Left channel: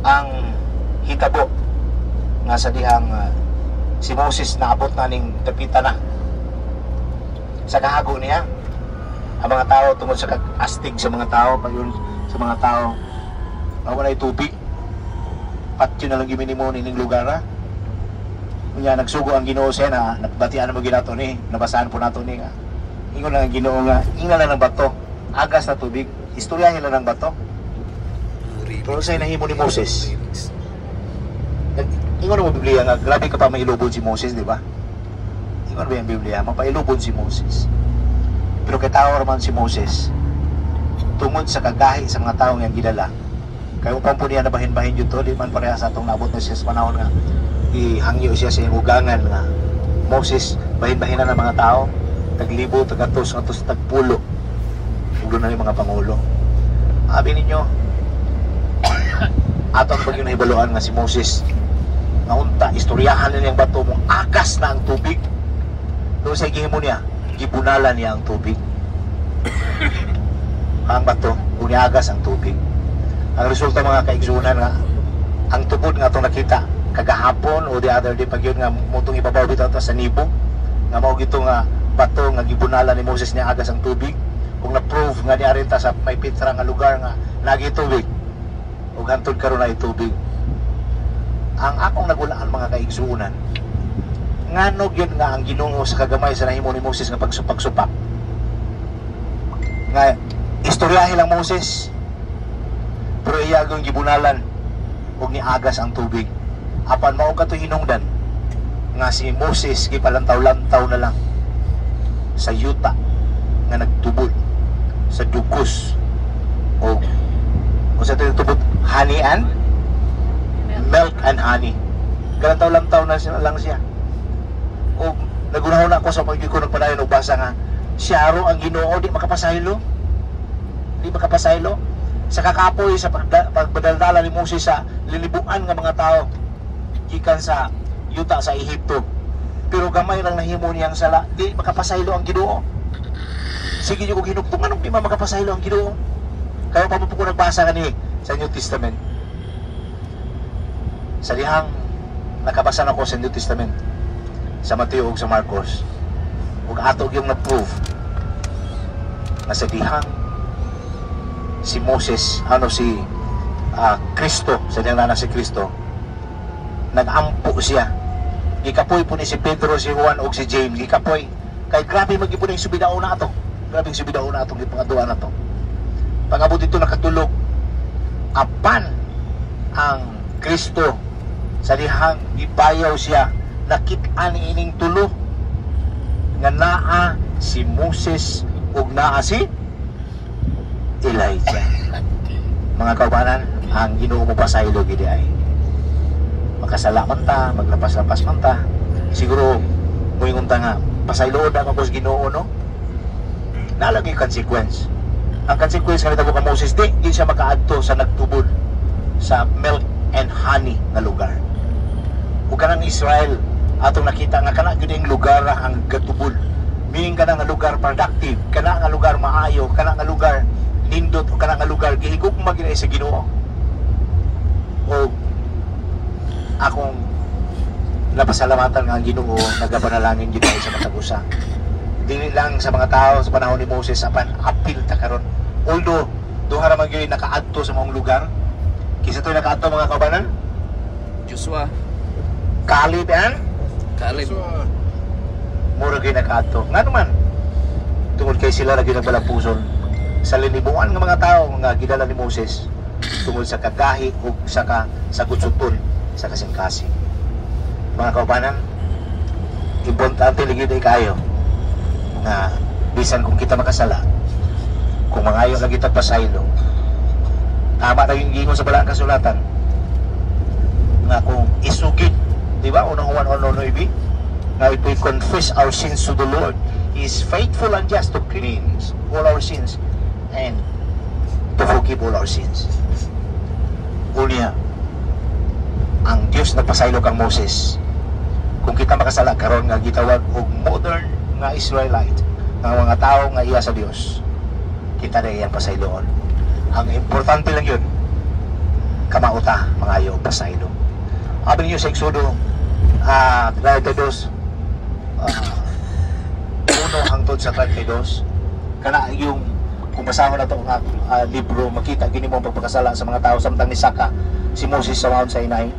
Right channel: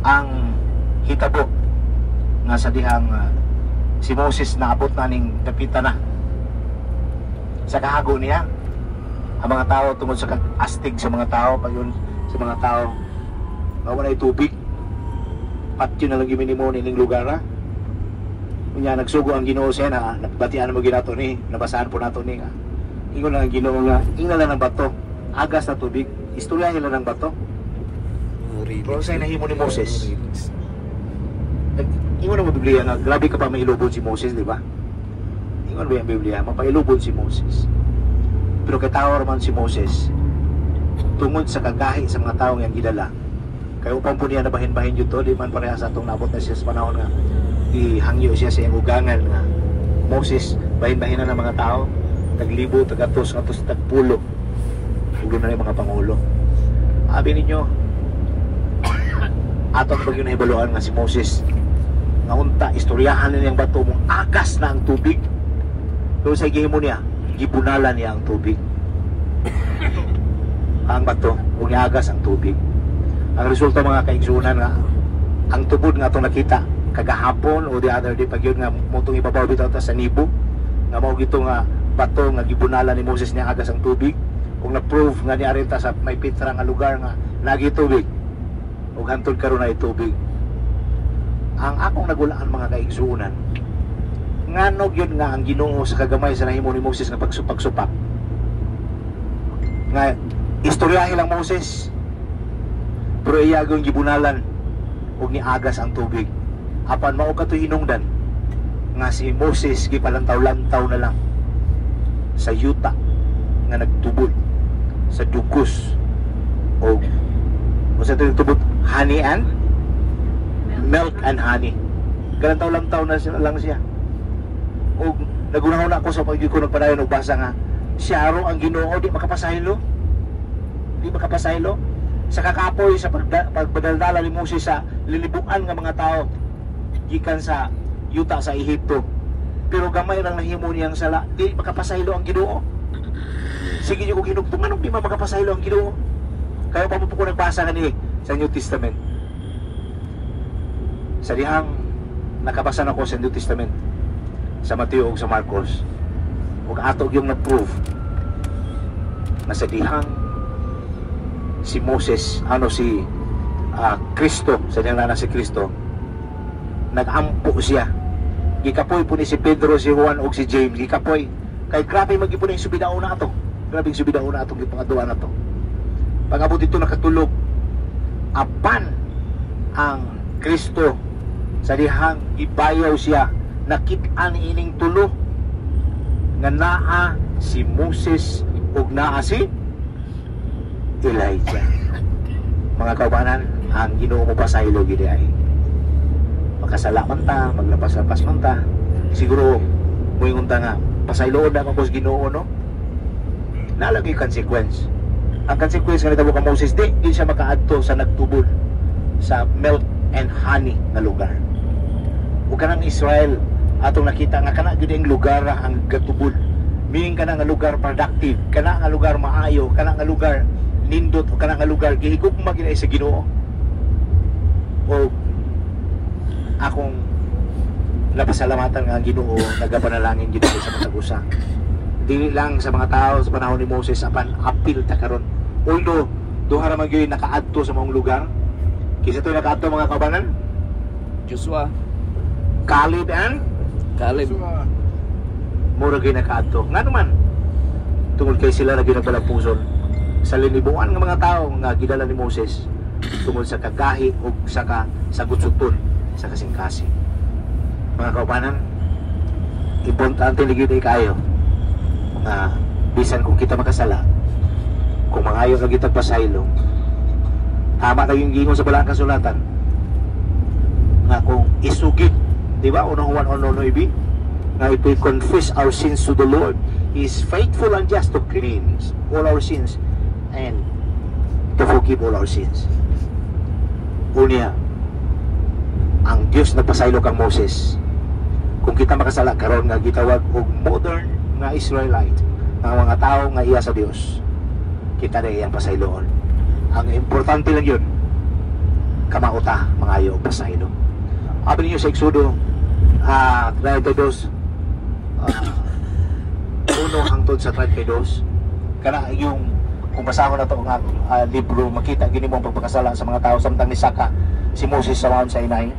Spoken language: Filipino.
ang hitabo nga sa dihang si Moses naabot na ning dapita na sa kahago niya. Ang mga tao tungod sa kag-astig sa mga tao, pagyon sa mga tao, wala tubig. Patyo na lang giminimo nining lugar na. Unya nagsugo ang Ginoo siya na nabatian mo ginato ni, nabasahan po nato ni nga. Ingon lang ang Ginoo nga, ingon lang ng bato, agas na tubig, istoryahin lang ng bato. Pero sa'yo nahimo ni Moses. Ingon na mo Biblia nga, grabe ka pa mailubod si Moses, di ba? Ingon ba yung Biblia, mapailubod si Moses. Pero kay tao naman si Moses, tungod sa kagahi sa mga tao yang gidala, kaya upang po niya nabahin-bahin yun to, di man pareha sa itong nabot na siya sa panahon nga, ihangyo siya sa ugangan nga, Moses, bahin-bahin na ng mga tao, taglibo, tagatos, atos, tagpulo, pulo na yung mga pangulo. Abi ninyo, atong po yung naibaluan nga si Moses, nga unta, istoryahan na niyang bato mong agas na ang tubig. Pero sa igihimo niya, gibunalan niya ang tubig. Ang bato, kung niagas ang tubig. Ang resulta mga kaigsunan nga, ang tubod nga itong nakita, kagahapon o the other day, pag yun nga mutong ibabaw bitaw sa nibo, nga mao gito nga bato nga gibunalan ni Moses niya agas ang tubig. Kung na-prove nga niya rin ta sa may pitra nga lugar nga lagi tubig, o hantod karon ay tubig. Ang akong nagulaan mga kaigsunan, nganog yun nga ang Ginoo sa kagamay sa nahimo ni Moses nga pagsupak nga istoryahin lang Moses, pero iyagong gibunalan o giagas ang tubig. Apan mao kato hinungdan nga si Moses gipalantaw-lantaw na lang sa yuta nga nagtubod sa dugos o sa tubod honey and milk and honey. Galantaw-lantaw na lang siya. O nagunahon ako sa pagdi ko nagpadayon og basa nga siya ro ang Ginoo, di makapasaylo. Di makapasaylo sa kakapoy sa pagpadaldala ni Moses sa lilibuan nga mga tao gikan sa yuta sa Ehipto. Pero gamay lang nahimo niyang sala, di makapasaylo ang Ginoo. Sige niyo kung hinugtong anong di makapasaylo ang Ginoo. Kaya pa po ko nagbasa kani sa New Testament. Sa dihang nakabasa na ko sa New Testament, sa Mateo ug sa Marcos, ug atog yung na-prove na sa dihang si Moses, si Kristo, sa dihang nana si Kristo, nagampo siya. Gikapoy po ni si Pedro, si Juan ug si James, gikapoy. Kay grabe magipon yung subidaon na ito. Grabe yung subidaon na itong ipangaduan na ito. Pag-abot dito nakatulog, apan ang Kristo sa dihang ibayaw siya, nakit-an ining tulo nga naa si Moses ug naa si Elijah. Mga kaubanan, ang Ginoo mo pasaylo gid ay makasala man ta, maglapas-lapas man ta, siguro moingon ta nga pasaylo na ako sa Ginoo, no? Nalagay consequence. Ang consequence nga nitabo kang Moses, di siya makaadto sa nagtubod sa milk and honey na lugar. O kanang Israel atong nakita nga kana gyud ang lugar na ang gatubod. Meaning kana nga lugar productive, kana nga lugar maayo, kana nga lugar nindot, o kana nga lugar gihigugma gyud sa Ginoo. O akong napasalamatan nga ang Ginoo, nagapanalangin gyud sa matag usa. Dili lang sa mga tao sa panahon ni Moses, apan apil ta karon. Although duha ra man gyud nakaadto sa mga lugar. Kisa to nakaadto mga kaubanan? Joshua, Caleb and Caleb. Mura kayo nakaadto. Nga naman, tungod kay sila na ginabalapuson sa linibuan ng mga tao nga gidala ni Moses tungod sa kagahi o sa gutsuton sa kasing-kasing. Mga kaubanan, importante ligid kayo na bisan kung kita makasala, kung mangayo na kita pasaylo, tama na yung gingon sa balang kasulatan na kung isugid, di ba? Unang 1:1 na if we confess our sins to the Lord, He is faithful and just to cleanse all our sins and to forgive all our sins. Unya, ang Diyos na pasaylo kang Moses, kung kita makasala karon nga gitawag og modern nga Israelite, mga tao nga iya sa Dios, kita na iyang pasayloon. Ang importante lang yun, kamauta mga magpasaylo. Abi niyo sa Exodo 32 uno hangtod sa 32 kana yung kung basahon na ito ang libro, makita gini mo ang pagpakasala sa mga tao samtang ni Saka si Moses sa Mount Sinai.